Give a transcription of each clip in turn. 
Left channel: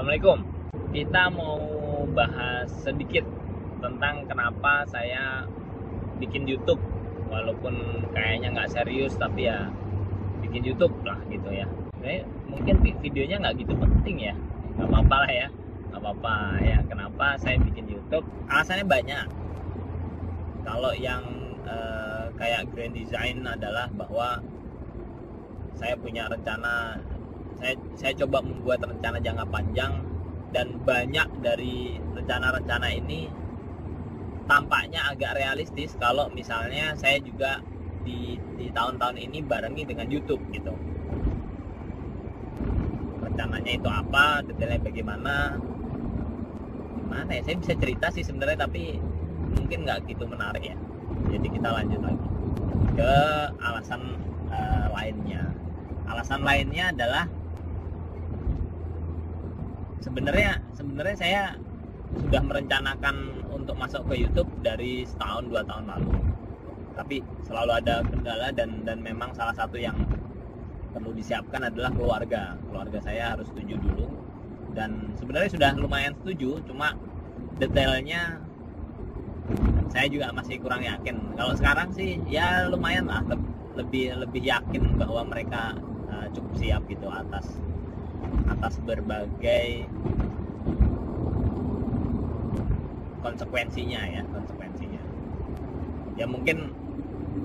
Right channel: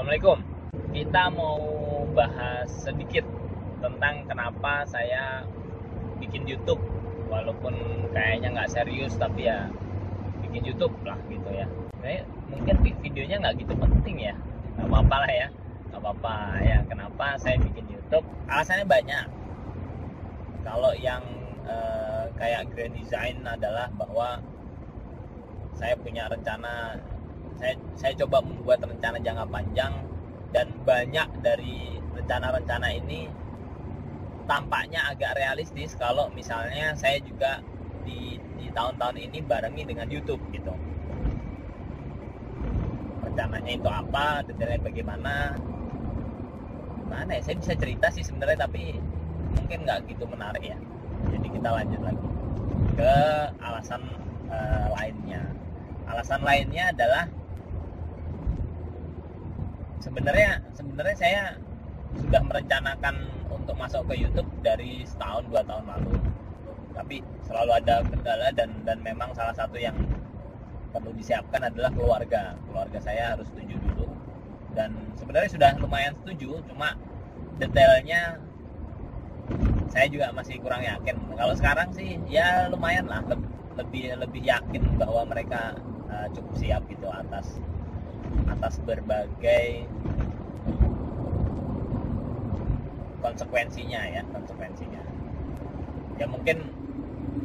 Assalamualaikum. Kita mau bahas sedikit tentang kenapa saya bikin YouTube, walaupun kayaknya nggak serius, tapi ya bikin YouTube lah gitu ya. Mungkin videonya nggak gitu penting ya, nggak apa-apa lah ya, nggak apa-apa ya. Kenapa saya bikin YouTube? Alasannya banyak. Kalau yang kayak grand design adalah bahwa saya punya rencana. Saya coba membuat rencana jangka panjang, dan banyak dari rencana-rencana ini tampaknya agak realistis kalau misalnya saya juga di tahun-tahun ini barengi dengan YouTube gitu. Rencananya itu apa, detailnya bagaimana, gimana ya, saya bisa cerita sih sebenarnya, tapi mungkin nggak gitu menarik ya. Jadi kita lanjut lagi ke alasan lainnya. Alasan lainnya adalah sebenarnya saya sudah merencanakan untuk masuk ke YouTube dari setahun 2 tahun lalu, tapi selalu ada kendala, dan memang salah satu yang perlu disiapkan adalah keluarga saya harus setuju dulu. Dan sebenarnya sudah lumayan setuju, cuma detailnya saya juga masih kurang yakin. Kalau sekarang sih ya lumayan lah, lebih yakin bahwa mereka cukup siap gitu atas berbagai konsekuensinya. Ya mungkin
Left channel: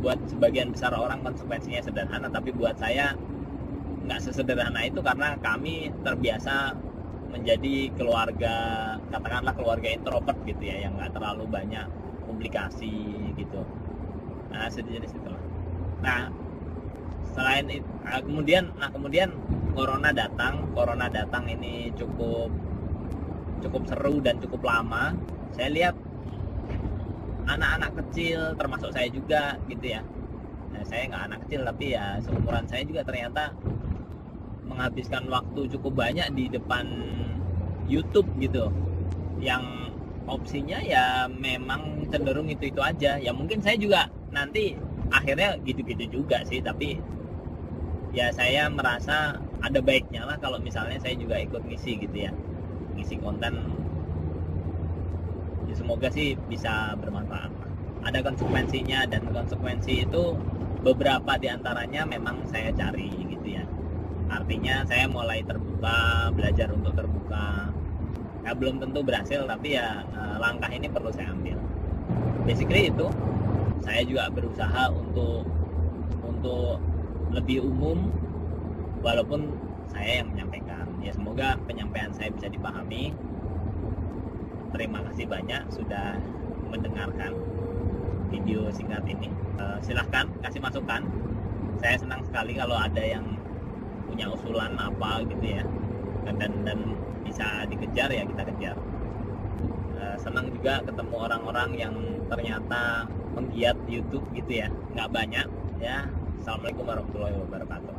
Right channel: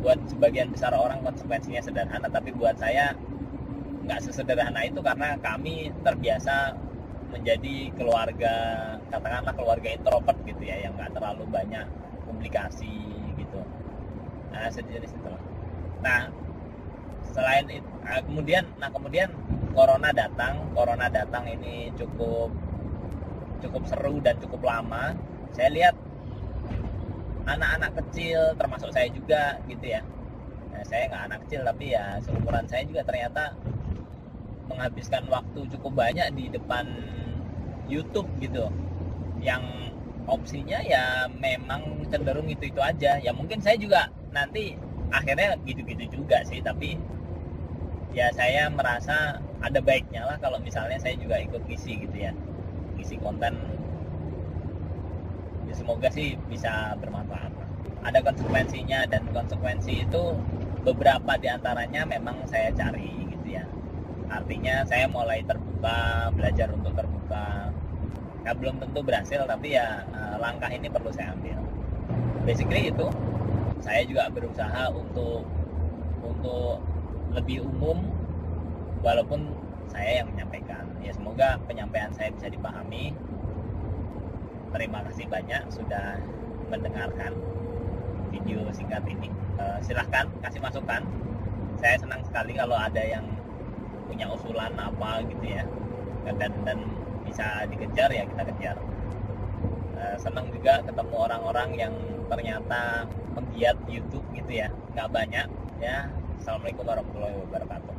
buat sebagian besar orang konsekuensinya sederhana, tapi buat saya nggak sesederhana itu, karena kami terbiasa menjadi keluarga, katakanlah keluarga introvert gitu ya, yang nggak terlalu banyak komplikasi gitu. Nah, sejenis itulah. Nah, selain itu, kemudian corona datang ini cukup seru dan cukup lama. Saya lihat anak-anak kecil, termasuk saya juga gitu ya. Nah, saya nggak anak kecil, tapi ya seumuran saya juga ternyata menghabiskan waktu cukup banyak di depan YouTube gitu, yang opsinya ya memang cenderung itu aja. Ya mungkin saya juga nanti akhirnya gitu-gitu juga sih, tapi ya saya merasa ada baiknya lah kalau misalnya saya juga ikut ngisi gitu ya, ngisi konten. Ya semoga sih bisa bermanfaat. Ada konsekuensinya, dan konsekuensi itu beberapa diantaranya memang saya cari gitu ya. Artinya saya mulai terbuka, belajar untuk terbuka. Ya belum tentu berhasil, tapi ya langkah ini perlu saya ambil. Basically itu, saya juga berusaha untuk lebih umum, walaupun saya yang menyampaikan. Ya semoga penyampaian saya bisa dipahami. Terima kasih banyak sudah mendengarkan video singkat ini. Silahkan kasih masukan. Saya senang sekali kalau ada yang punya usulan apa gitu ya, dan bisa dikejar, ya kita kejar. Senang juga ketemu orang-orang yang ternyata penggiat YouTube gitu ya, nggak banyak ya. Assalamualaikum warahmatullahi wabarakatuh.